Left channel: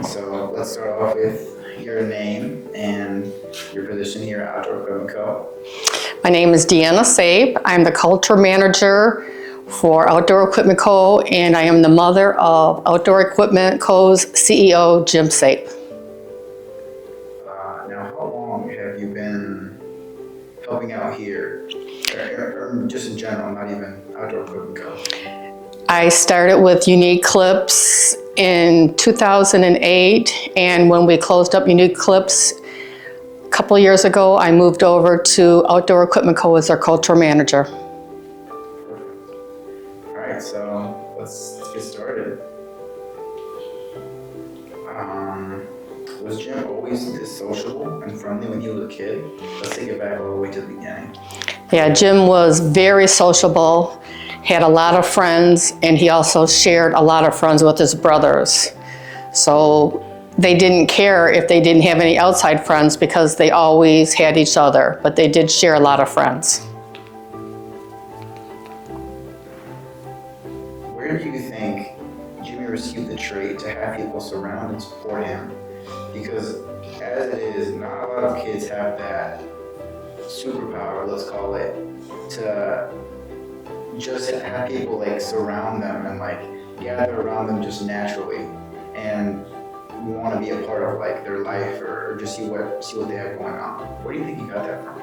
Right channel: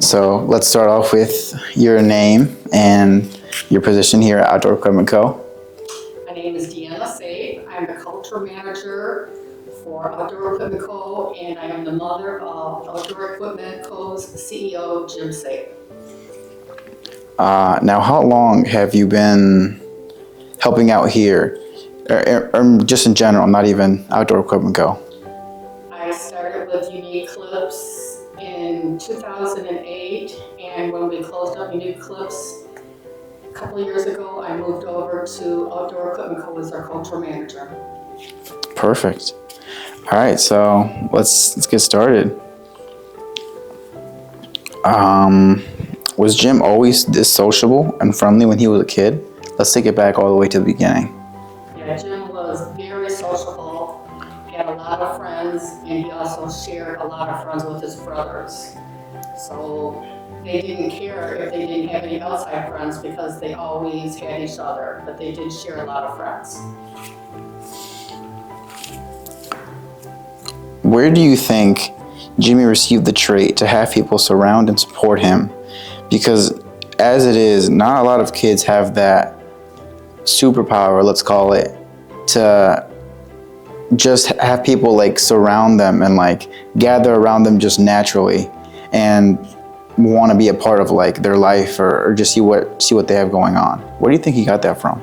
So let's start off with your name and your position here at Outdoor Equipment Co. My name is Deanna Sape. I'm the culture manager for Outdoor Equipment Co. and I am the mother of Outdoor Equipment Co.'s CEO, Jim Sape. Now, how long have you been helping out here, or just in general, not even Outdoor Equipment Co.? I started with Unique Clips in 2008, and when we closed up Unique Clips a couple of years ago, I moved over to Outdoor Equipment Co. as our culture manager. Perfect. All right, so let's get started. Was Jim always this sociable and friendly when he was a kid? Let's take it back all the way to the beginning. Yeah, Jim was very sociable, had a lot of friends, and he also shared a lot of friends with his brothers. So they didn't care if they didn't have any outside friends because they always had each other, but they did share a lot of friends. Where do you think Jimmy received the trait to have people surround and support him? Because as it is, not a lot of kids have that superpower, let's call it, to just have people like surround them and like gather around them just naturally and want to be a part of like their life or just see what they have going on. Where do you think he got that from?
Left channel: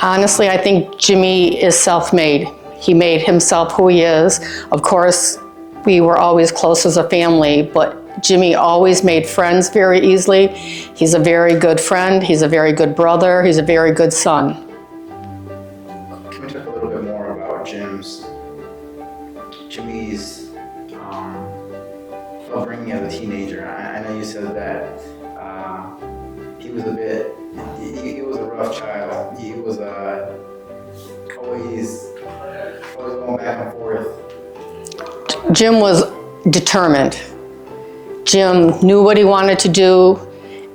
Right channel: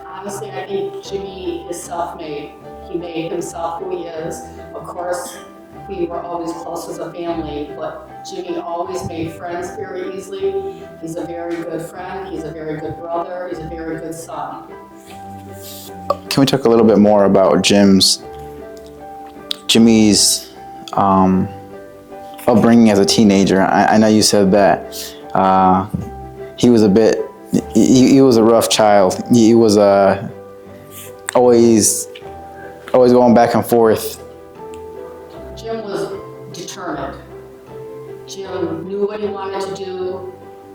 Honestly, I think Jimmy is self-made. He made himself who he is. Of course, we were always close as a family, but Jimmy always made friends very easily. He's a very good friend. He's a very good brother. He's a very good son. Can we talk a little bit more about Jimmy's upbringing as a teenager? I know you said that he was a rough child. He was always going back and forth. Jim was determined. Jim knew what he wanted to do,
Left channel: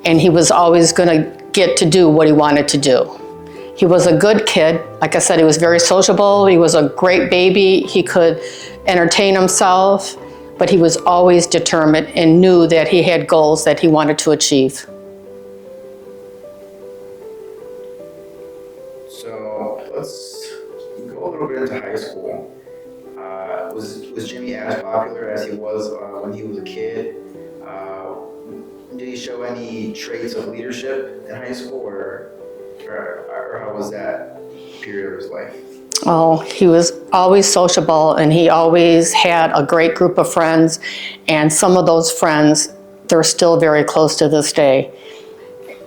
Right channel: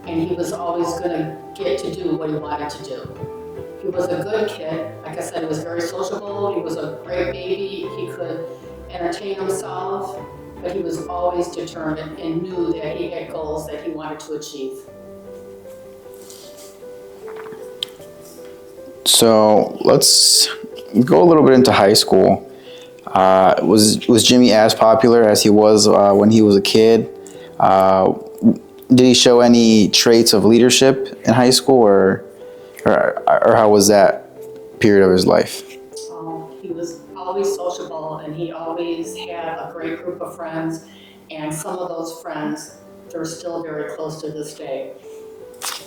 and he was always going to get to do what he wanted to do. He was a good kid. Like I said, he was very sociable. He was a great baby. He could entertain himself, but he was always determined and knew that he had goals that he wanted to achieve. So let's go a little bit into high school. Was Jimmy as popular as he was when he was a kid? Did he show any traits of leadership in high school, or how was that period of his life? Oh, he was always sociable, and he always had a great group of friends, and some of those friends, they're still very close to this day.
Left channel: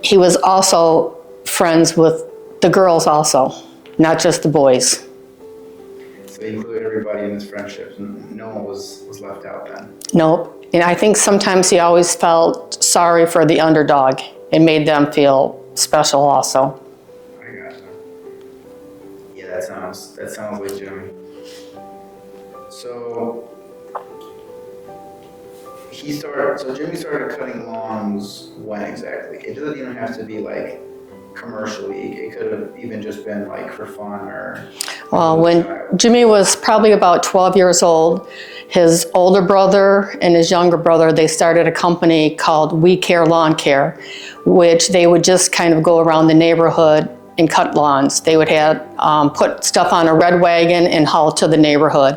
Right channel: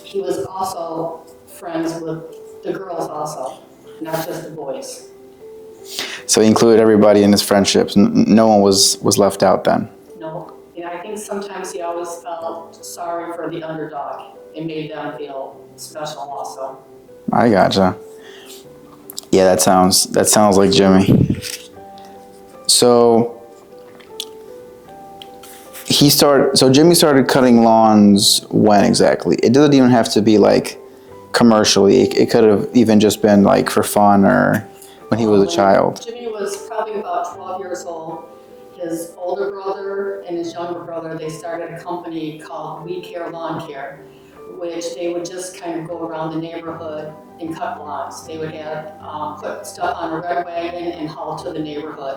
He was also friends with the girls also, not just the boys. So he included everybody in his friendships. No one was left out then? Nope. And I think sometimes he always felt sorry for the underdog. It made them feel special also. I gotcha. Yeah, that sounds like Jimmy. So Jimmy started cutting lawns when exactly? It doesn't even have to be like commercially. It could have even just been like for fun or when he was a child. Jimmy was probably about 12 years old. His older brother and his younger brother, they started a company called We Care Lawn Care, which they would just kind of go around the neighborhood and cut lawns. They would have put stuff on a red wagon and haul to the neighborhood.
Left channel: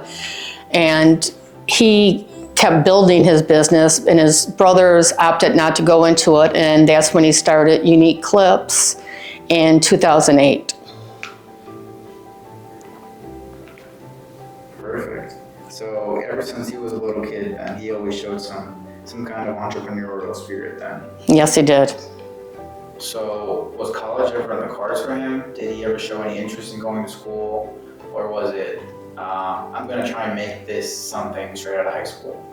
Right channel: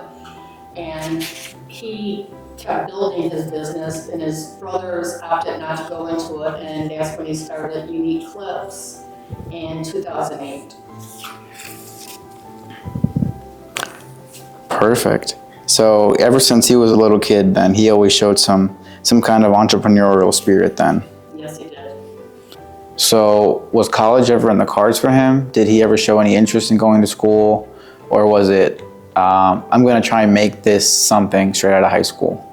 And he kept building his business, and his brothers opted not to go into it, and that's when he started Unique Clips in 2008. Perfect. So ever since he was a little kid then, he always showed some kind of entrepreneurial spirit then? Yes, he did. So was college ever in the cards for him? Did he ever show any interest in going to school? Or was it, I'm going to try and make this something straight out of high school?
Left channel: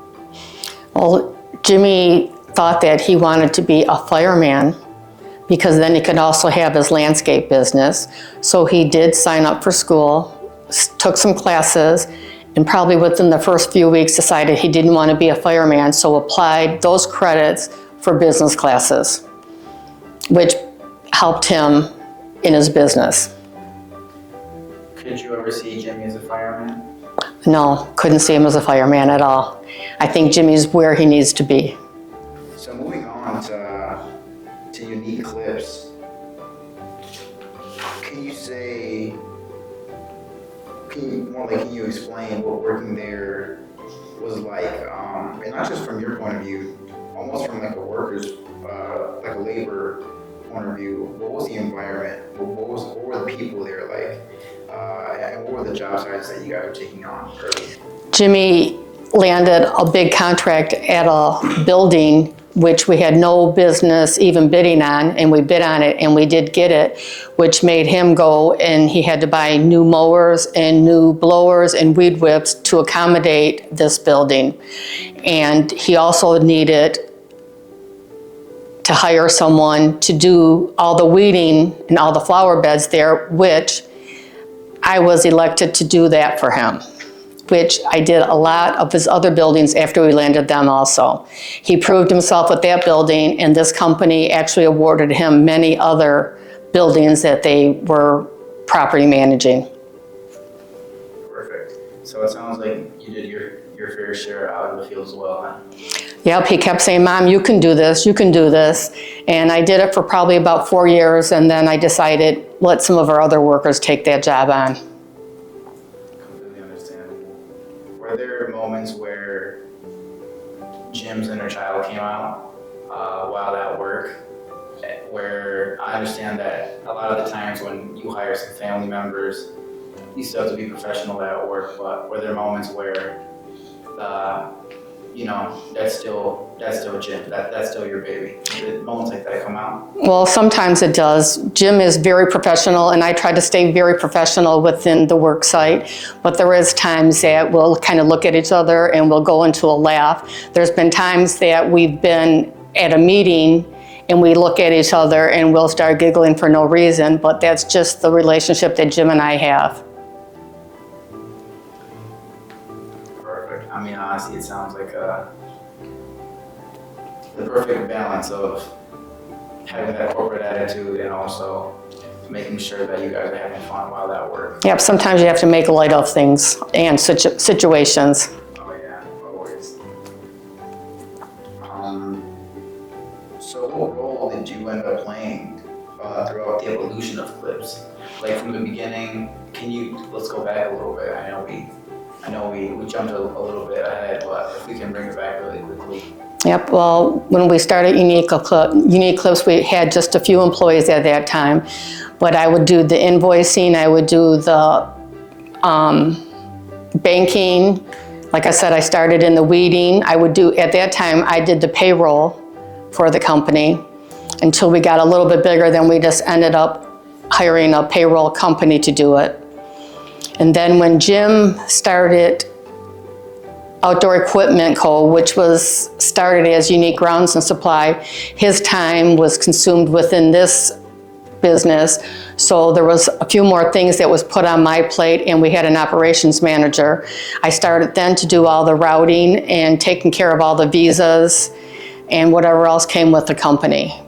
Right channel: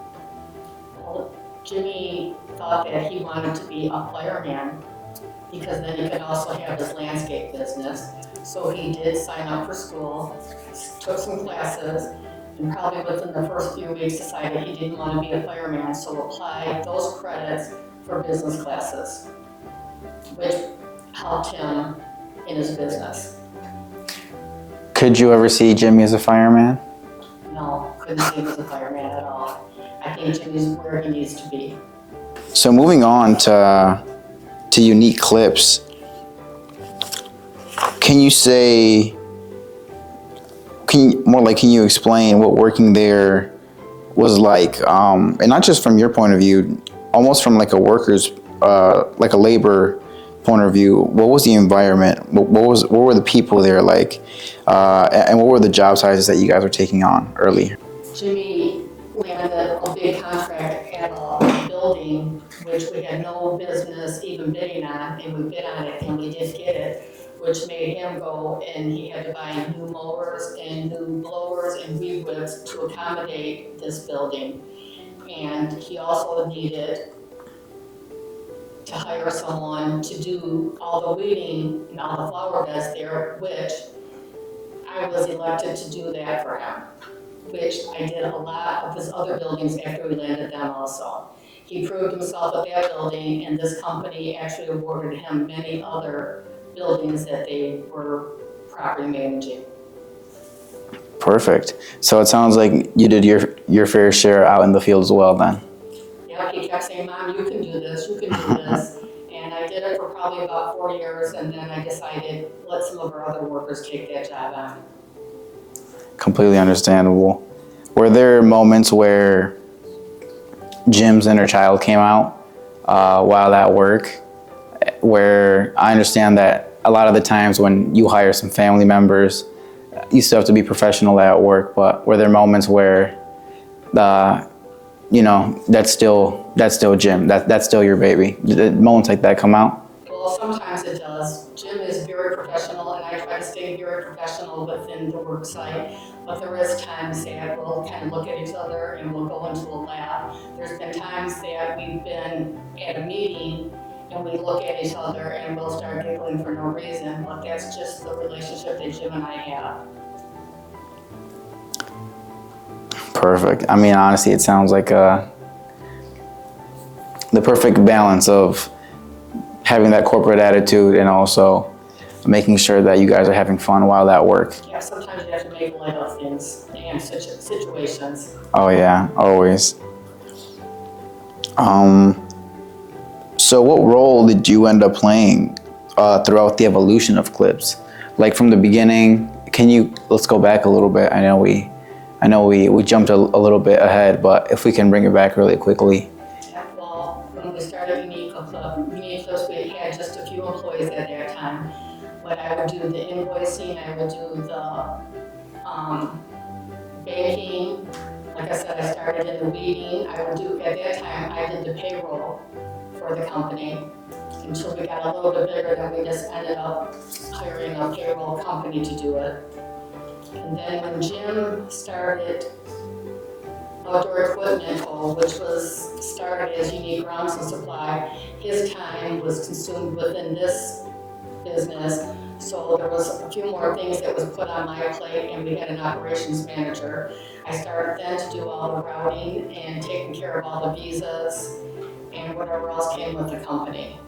Well, Jimmy thought that he wanted to be a fireman because then he could also have his landscape business. So he did sign up for school, took some classes, and probably within the first few weeks decided he didn't want to be a fireman, so applied those credits for business classes, which helped him in his business. Could you ever see Jimmy as a fireman? No, couldn't see him as a fireman at all. I think Jimmy's where he needs to be. So moving on to Unique Clips, can you explain what working there was like, and not just from your point of view, almost from like a worker's, like a labor point of view? What was the environment? What were the people there like, and what were the job sizes that you guys were taking on early? Jimmy landed a big contract at a building which we had no business even bidding on, and we bid on it and we did get it, which made him go, and he had to buy new mowers and new blowers and weed whips to accommodate this building. And he also needed to hire someone to do all the weeding and all the flower beds there, which I was elected to do that for him, which I did a lot of his other buildings after we landed them also. He proved himself with that building, and this company actually awarded him many other buildings that they were property managing. Perfect. So it sounds like you did your fair share out in the field as well then. Yep, he kept saying, Mom, you can do this, you can do this. And I did it for probably about 4 years, and then I decided, let some of our other workers take that job on. Completely understandable. Were there moments where Jim's inner child came out while at work? Where I understand that a lot of the times when you hire some family members, you still have to be professional at work, but were there moments where that's still Jim, that's still your baby? Did moments like that come out? Well, sometimes it does. Jim is very professional, and I try to stay very professional within the work site, but there is times that we'll kind of look at each other and we'll go into a laugh. There's been times that we've been at a meeting and we look at each other and we'll start giggling for no reason, but that's just the relationship that Jim and I have. Perfect. I mean, honestly, it sounds like the perfect balance of having that corporate attitude and also making sure that you guys are having fun while at work. Yep, sometimes you have to make light of things and situations. Oh yeah, always. So what role did you end up playing throughout the evolution of Clips? Like from the beginning, let's go back a little bit. I know we jumped a little bit ahead, but if we can bring it back really quickly. Yep, well, when we started Unique Clips, we had just a few employees at that time, but I would do the invoicing, I would do the banking. Like I said, I started in the weeding. At that time, I did the payroll for the company until we got a little bit bigger, then we just ended up hiring a payroll company to do it. And then when Jim started Outdoor Equipment Co., which was started as Unique Grounds and Supply, his time was consumed within this business. So there was a few more things that was put on my plate, and we had an operations manager. I started then to do all the routing and taking care of all the visas and whatever else came with the company.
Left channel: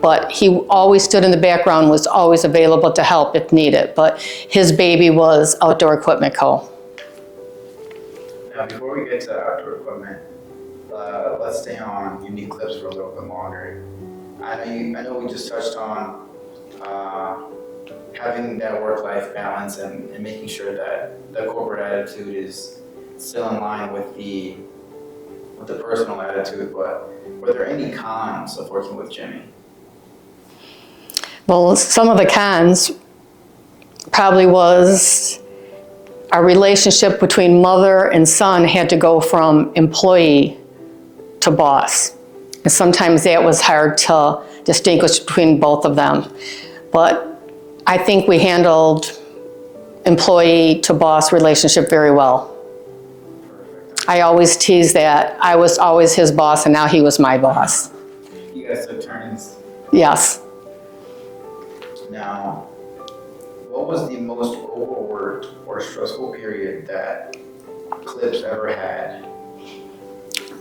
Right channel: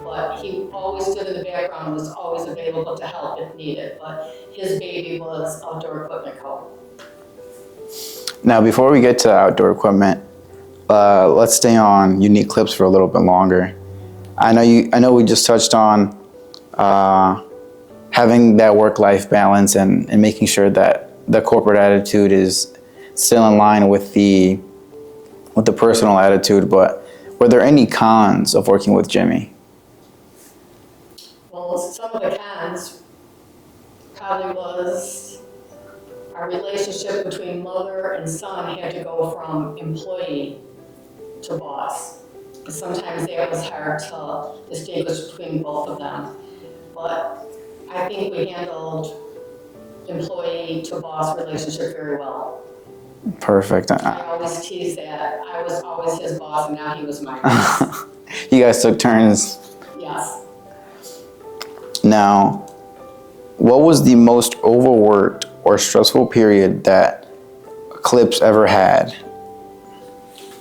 But he always stood in the background, was always available to help if needed. But his baby was Outdoor Equipment Co. Now, before we get to Outdoor Equipment, let's stay on Unique Clips for a little bit longer. I know we just touched on having that work-life balance and making sure that the corporate attitude is still in line with the personal attitude, but were there any cons of working with Jimmy? Well, some of the cons probably was our relationship between mother and son had to go from employee to boss. And sometimes that was hard to distinguish between both of them. But I think we handled employee to boss relationship very well. Perfect. I always tease that I was always his boss and now he was my boss. You guys took turns. Yes. Now, what was the most overworked or stressful period that Clips ever had?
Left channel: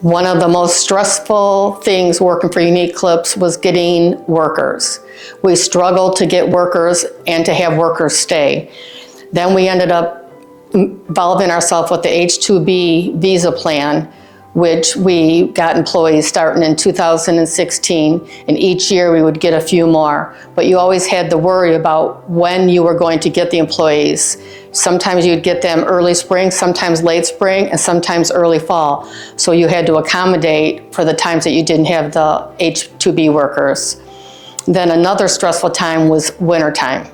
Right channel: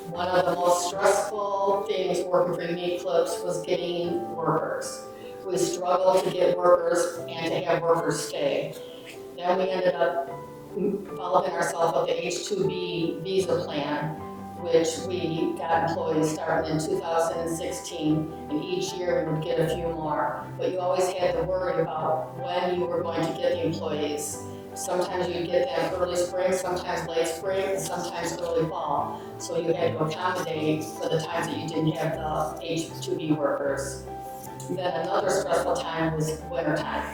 One of the most stressful things working for Unique Clips was getting workers. We struggled to get workers and to have workers stay. Then we ended up involving ourselves with the H-2B visa plan, which we got employees starting in 2016, and each year we would get a few more. But you always had to worry about when you were going to get the employees. Sometimes you'd get them early spring, sometimes late spring, and sometimes early fall. So you had to accommodate for the times that you didn't have the H-2B workers. Then another stressful time was wintertime,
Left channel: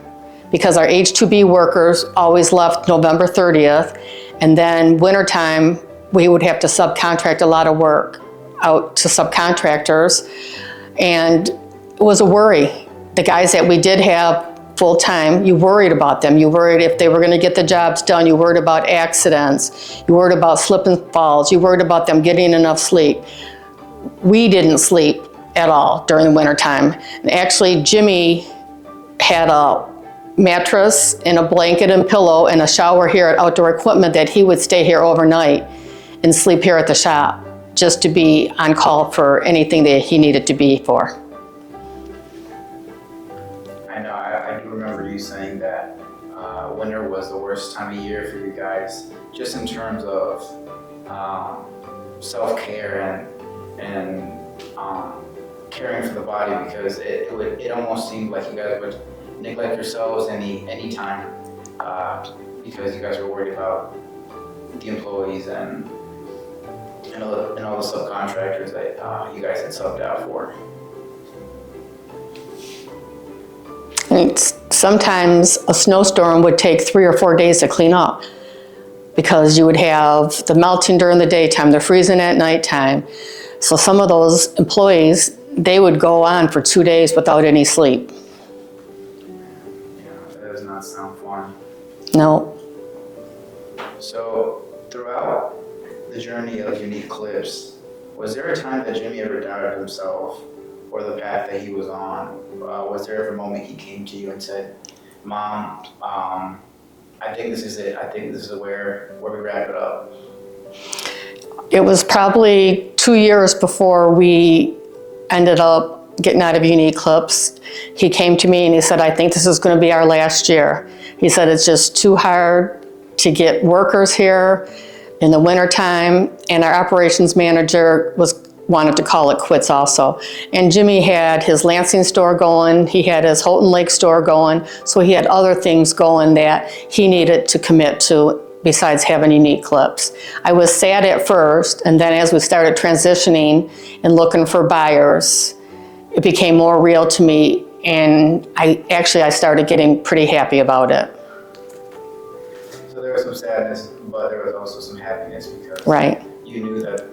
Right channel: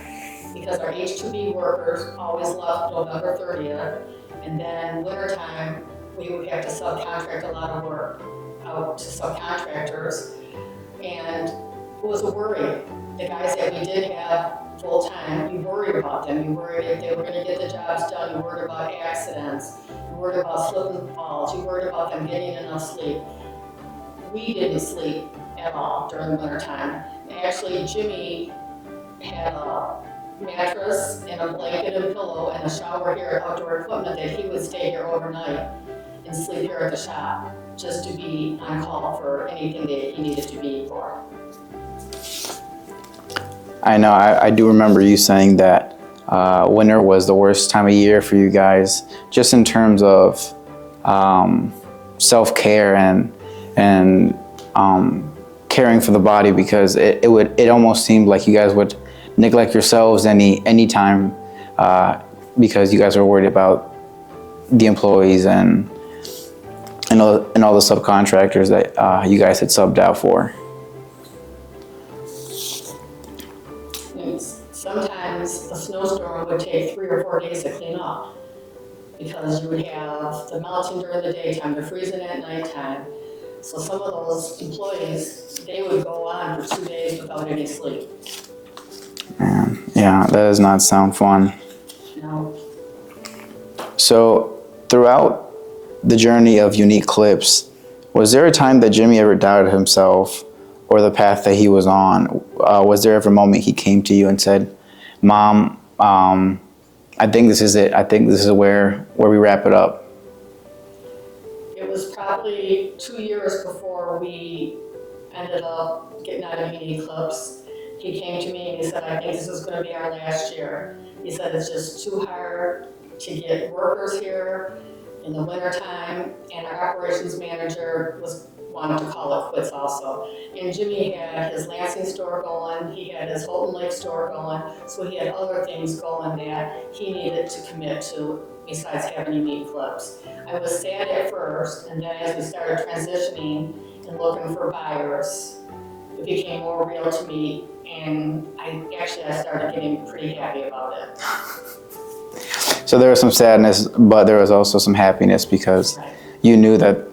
because our H-2B workers always left November 30th, and then wintertime, we would have to subcontract a lot of work out to subcontractors, and it was a worry. The guys that we did have full-time, you worried about them. You worried if they were gonna get the jobs done. You worried about accidents. You worried about slip and falls. You worried about them getting enough sleep. We didn't sleep at all during the wintertime. And actually, Jimmy had a mattress and a blanket and pillow and a shower here at Outdoor Equipment that he would stay here overnight and sleep here at the shop just to be on call for anything that he needed to be for. I know, I do remember you saying that winter was the worst time of year for you guys, just in terms of self-care and caring for the body, because it almost seemed like you guys would neglect yourselves any time because you guys were worried about the employees and all the subcontractors that you guys had subbed out for. Sometimes a snowstorm would take 3 or 4 days to clean up, because you would have the melting during the daytime, the freezing at nighttime. So some of those employees, they would go on for 2 days without any sleep. Man, yeah, that does not sound fun. No. So throughout the journey of Unique Clips, was there a time that Jimmy ever doubted himself or the path that he was on? Was there ever a moment he came to you and said, Mom, I think this is it. I think this is where we wrap it up? It was probably 2 years before we ended up getting out of Unique Clips. He came to me and he said, I think this is going to be our last year. He said, it's just too hard to get workers here in the wintertime, and our operations manager wanted to call it quits also. And Jimmy had his Lansing store going, he had his Houghton Lake store going, so he had other things going that he needed to commit to besides having Unique Clips. I was sad at first, and then as we started transitioning and looking for buyers, it became more real to me, and I started getting pretty happy about it. So there was some sadness, but there was also some happiness, because right. You knew that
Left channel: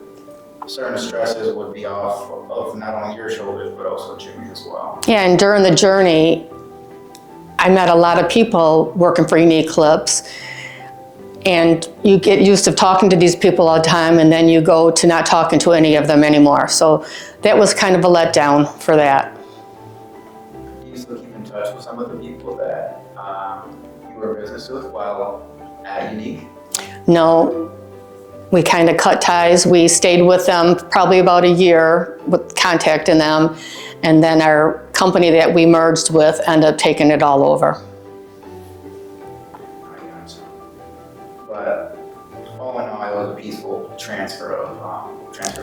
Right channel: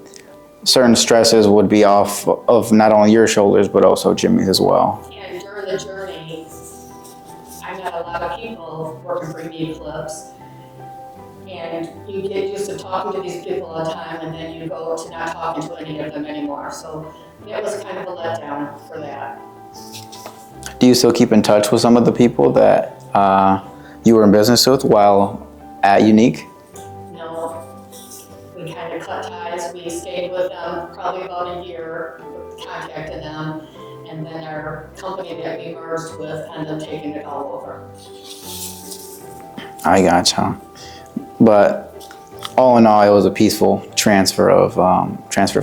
certain stresses would be off of not only your shoulders, but also Jimmy's as well. Yeah, and during the journey, I met a lot of people working for Unique Clips, and you get used to talking to these people all the time, and then you go to not talking to any of them anymore. So that was kind of a letdown for that. Do you still keep in touch with some of the people that you were in business with while at Unique? No, we kind of cut ties. We stayed with them probably about a year with contacting them, and then our company that we merged with ended up taking it all over. I gotcha. But all in all, it was a peaceful transfer of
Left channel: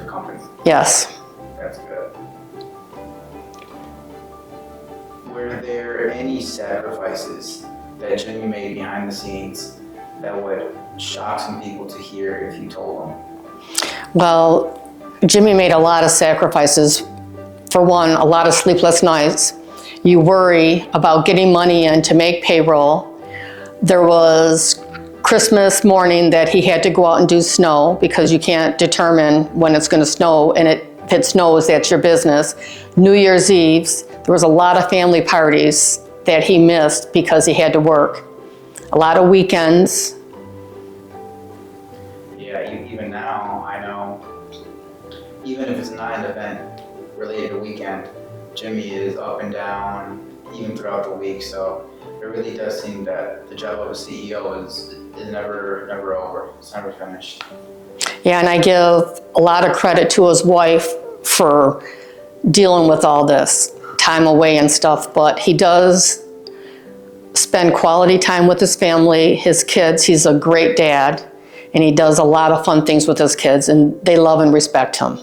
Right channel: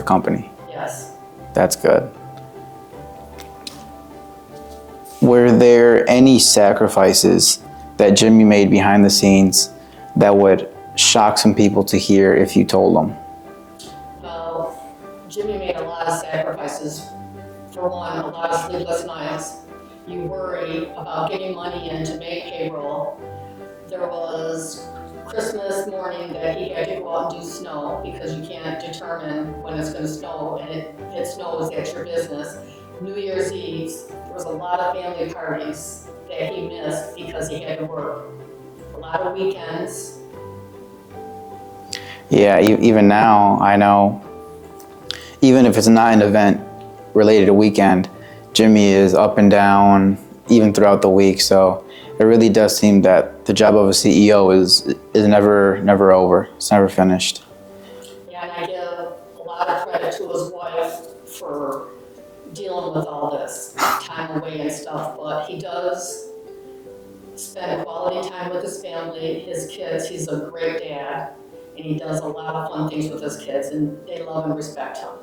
company. Yes. That's good. Were there any sacrifices that Jimmy made behind the scenes that would shock some people to hear if you told them? Well, Jimmy made a lot of sacrifices. For one, a lot of sleepless nights. You worry about getting money in to make payroll. There was Christmas morning that he had to go out and do snow, because you can't determine when it's going to snow, and if it snows, that's your business. New Year's Eves, there was a lot of family parties that he missed because he had to work. A lot of weekends. Yeah, even now, I know, even if it's not an event related to weekend, Jimmy is up and down even throughout the week. So it really does seem that the job of a CEO is never over. It's never finished. Yeah, and I give a lot of credit to his wife for dealing with all this time away and stuff, but he does spend quality time with his family, his kids. He's a great dad, and he does a lot of fun things with his kids, and they love and respect him.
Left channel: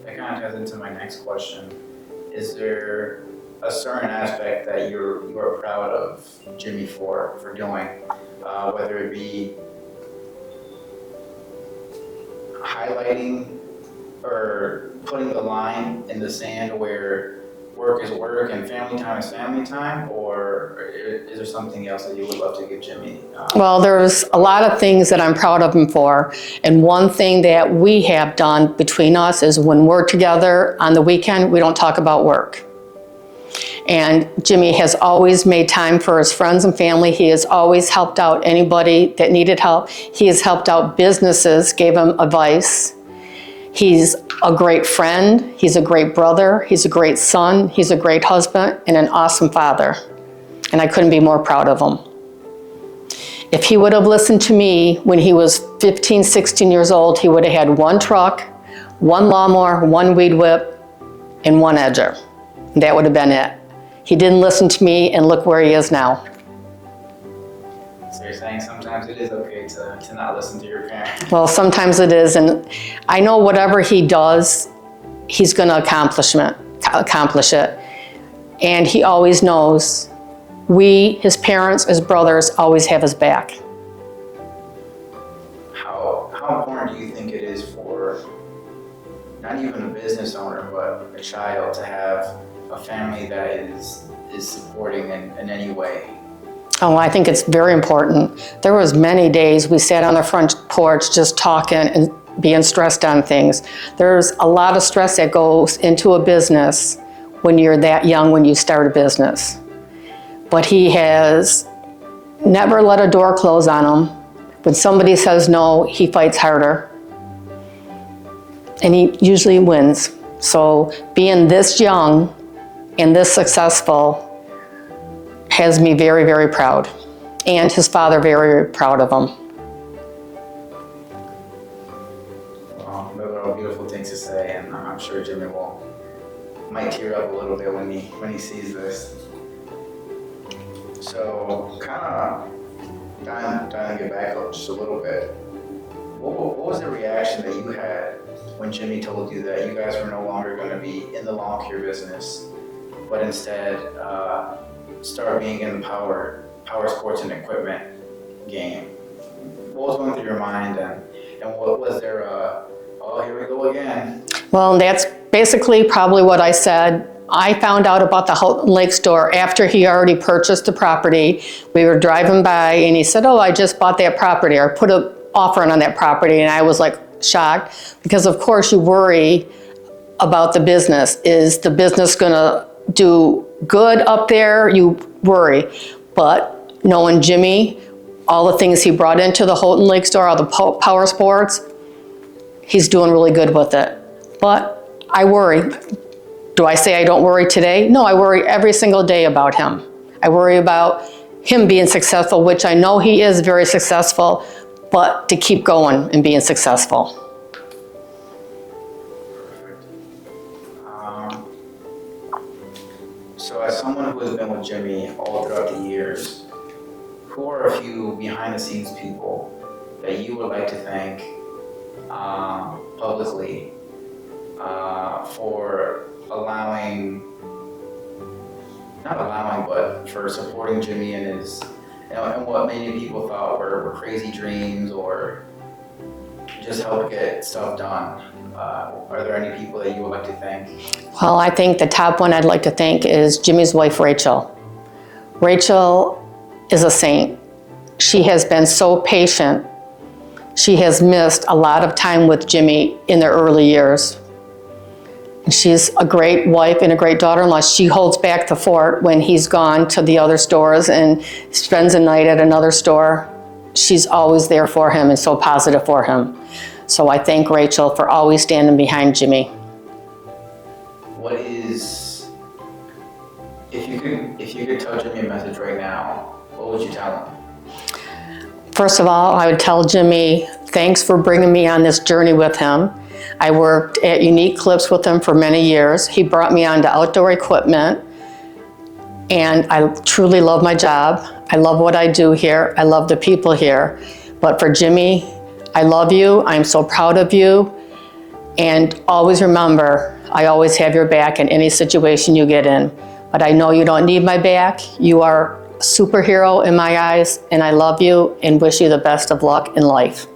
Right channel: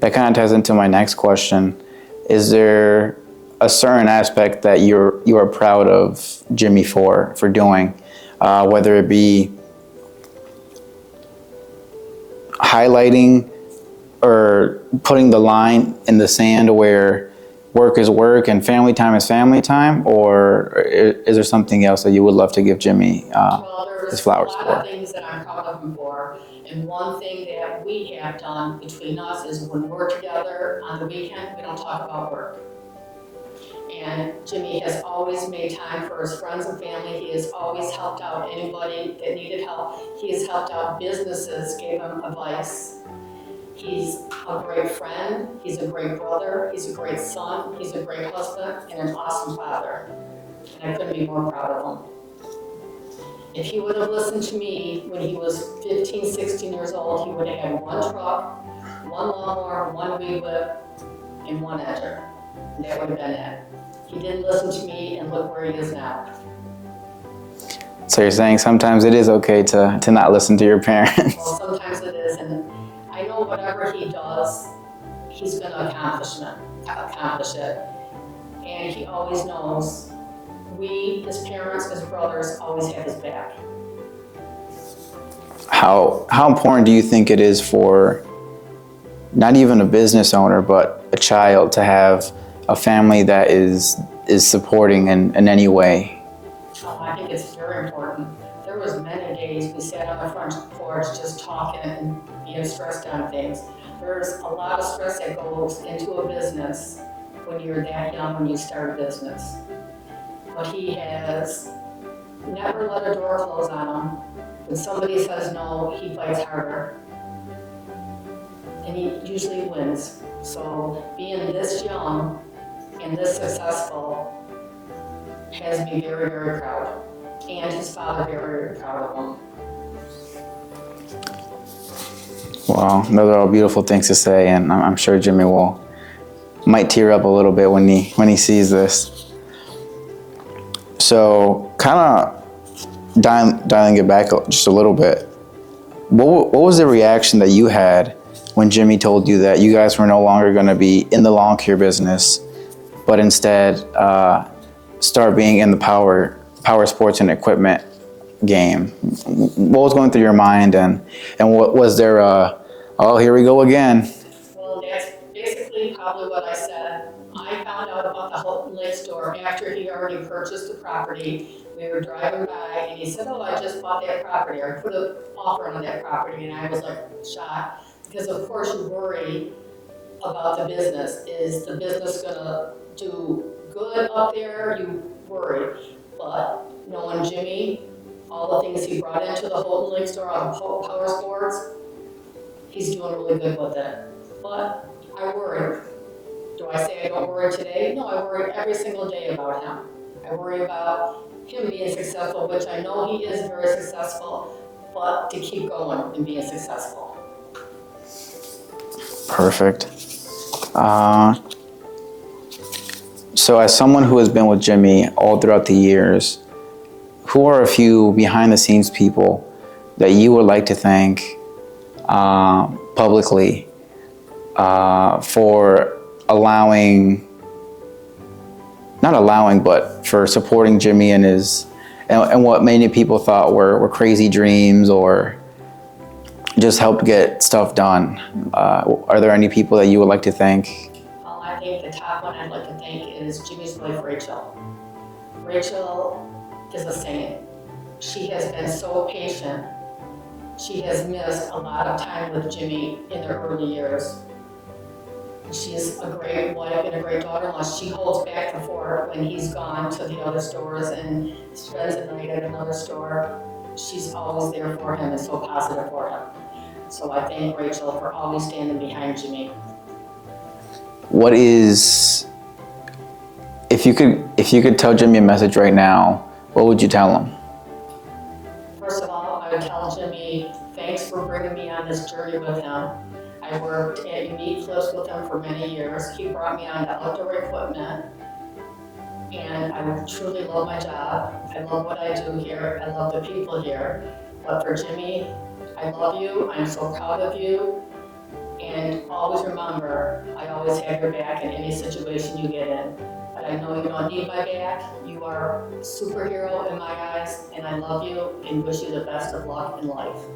That kind of ties into my next question. Is there a certain aspect that you are proud of Jimmy for doing, whether it be highlighting or putting the line in the sand where work is work and family time is family time, or is there something else that you would love to give Jimmy? Well, there's a lot of things that I'm proud of him for. And one thing that we have done between us is when we're together on the weekend, we don't talk about work. And Jimmy has always made time for his friends and family. He has always helped out anybody that needed help. He has helped out businesses, gave them advice. He's a great friend, he's a great brother, he's a great son, he's a great husband, and an awesome father. And I couldn't be more proud of him. If he would have listened to me when he was 15, 16 years old, he would have had one truck, one lawnmower, one weed whip, and one edger. That would have been it. He didn't listen to me, and look where he is now. So you're saying sometimes it is okay to not listen to your parents? Well, sometimes it is, and I know whatever he does, he's going to accomplish it. And he always knows we, his parents, his brothers, always have his back. How important do you think it is for not even a business owner, but a child to have a family that is supporting in any way? Oh, I think it's very important. There was many days we sat on the front porch just talking and being stressed on things. There's a lot of stress that goes into a business when you're that young, when you start a business. But he has never let a door close on him. When somebody says no, he fights harder. And he usually wins. So being this young and this successful has me very, very proud. And his father very proud of him. Wow, those are all beautiful things to say, and I'm sure Jimmy might tear up a little bit when he sees this. So, kind of dialing it back just a little bit, what was the reaction that you had when Jimmy told you that you guys were no longer going to be in the lawn care business, but instead start being in the power sports and equipment game? What was going through your mind, and what was there oh, here we go again? Well, that's basically probably what I said. I found out about the Houghton Lake store after he already purchased the property. We were driving by and he said, oh, I just bought that property, or put an offer on that property. And I was like shocked, because of course you worry about the business. Is the business gonna do good up there? You worry. But knowing Jimmy, all the things he brought into the Houghton Lake store, all the power sports, he's doing really good with it. But I worry. Do I say I don't worry today? No, I worry every single day about him. I worry about him being successful, which I know he is very successful, but to keep going and being successful. Perfect. So as someone who has been with Jimmy all throughout the years, who are a few behind the scenes people that you would like to thank publicly for but for supporting Jimmy and and what many people thought were crazy dreams, or just helped get stuff done? Are there any people that you would like to thank? Well, I think the top one I'd like to thank is Jimmy's wife, Rachel. Rachel is a saint. She has been so patient. She has missed a lot of time with Jimmy in their early years. And she's a great wife and a great daughter-in-law. She holds back the fort when he's gone to the other stores and spends a night at another store. She's always there for him and so positive for him. So I thank Rachel for always standing behind Jimmy. What is, if you could tell Jimmy a message right now, what would you tell him? First of all, I would tell Jimmy, thanks for bringing me on this journey with him. I worked at Unique Clips with him for many years. He brought me onto outdoor equipment, And I truly love my job. I love what I do here. I love the people here. But for Jimmy, I love you. I'm so proud of you. And always remember, I always have your back in any situation you get in. But I know you don't need my back. You are a superhero in my eyes, and I love you and wish you the best of luck in life.